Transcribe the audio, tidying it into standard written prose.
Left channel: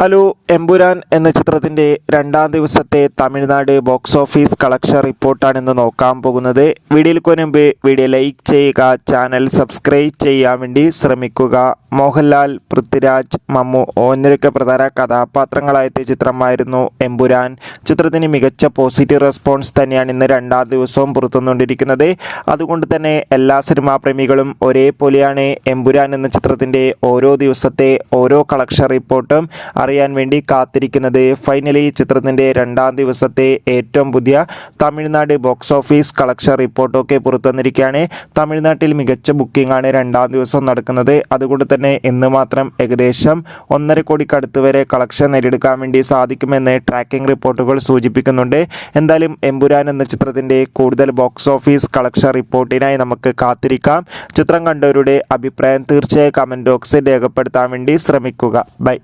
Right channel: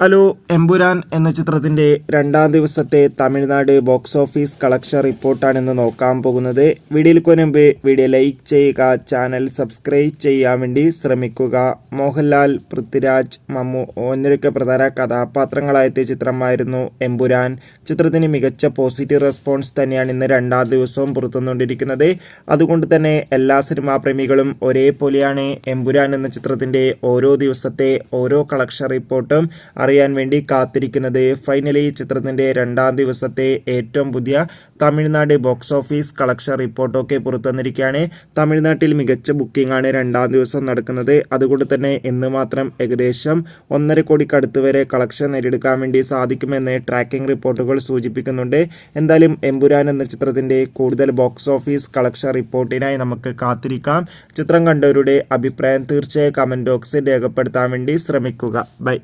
Hello Empuraan എന്ന ചിത്രത്തിൻ്റെ രണ്ടാം ദിവസത്തെ തമിഴ്നാട് ബോക്സ് ഓഫീസ് കളക്ഷൻ റിപ്പോർട്ടാണ് ഇന്ന് നോക്കാൻ പോകുന്നത്. വീഡിയോയ്ക്ക് മുൻപ് വീഡിയോ ലൈക്ക് ചെയ്യുക, ചാനൽ സബ്സ്ക്രൈബ് ചെയ്യാൻ വേണ്ടി ശ്രമിക്കുക. മോഹൻലാൽ, പൃഥ്വിരാജ്, മമ്മു എന്നിവരൊക്കെ പ്രധാന കഥാപാത്രങ്ങളായെത്തിയ ചിത്രമായിരുന്നു എമ്പുരാൻ. ചിത്രത്തിന് മികച്ച പോസിറ്റീവ് റെസ്പോൺസ് തന്നെയാണ് ഇന്ന് രണ്ടാം ദിവസവും പുറത്തുവന്നുകൊണ്ടിരിക്കുന്നത്. അതുകൊണ്ട് തന്നെ എല്ലാ സിനിമാ പ്രേമികളും ഒരേപോലെയാണ് എമ്പുരാൻ എന്ന ചിത്രത്തിൻ്റെ ഓരോ ദിവസത്തെ ഓരോ കളക്ഷൻ റിപ്പോർട്ടും അറിയാൻ വേണ്ടി കാത്തിരിക്കുന്നത്. ഫൈനലി ചിത്രത്തിൻ്റെ രണ്ടാം ദിവസത്തെ ഏറ്റവും പുതിയ തമിഴ്നാട് ബോക്സ് ഓഫീസ് കളക്ഷൻ റിപ്പോർട്ടൊക്കെ പുറത്തുവന്നിരിക്കുകയാണ്. തമിഴ്നാട്ടിൽ മികച്ച ബുക്കിംഗ് ആണ് രണ്ടാം ദിവസം നടക്കുന്നത്. അതുകൊണ്ട് തന്നെ ഇന്ന് മാത്രം ഏകദേശം 1.5 കോടിക്കടുത്ത് വരെ കളക്ഷൻ നേടിയെടുക്കാൻ വേണ്ടി സാധിക്കുമെന്ന് ട്രാക്കിംഗ് റിപ്പോർട്ടുകൾ സൂചിപ്പിക്കുന്നുണ്ട്. എന്തായാലും എമ്പുരാൻ എന്ന ചിത്രത്തിൻ്റെ കൂടുതൽ ബോക്സ് ഓഫീസ് കളക്ഷൻ റിപ്പോർട്ടിനായി നമുക്ക് കാത്തിരിക്കാം. ചിത്രം കണ്ടവരുടെ അഭിപ്രായം തീർച്ചയായും കമൻറ്റ് ബോക്സിൽ രേഖപ്പെടുത്താൻ വേണ്ടി ശ്രമിക്കുക. ബൈ.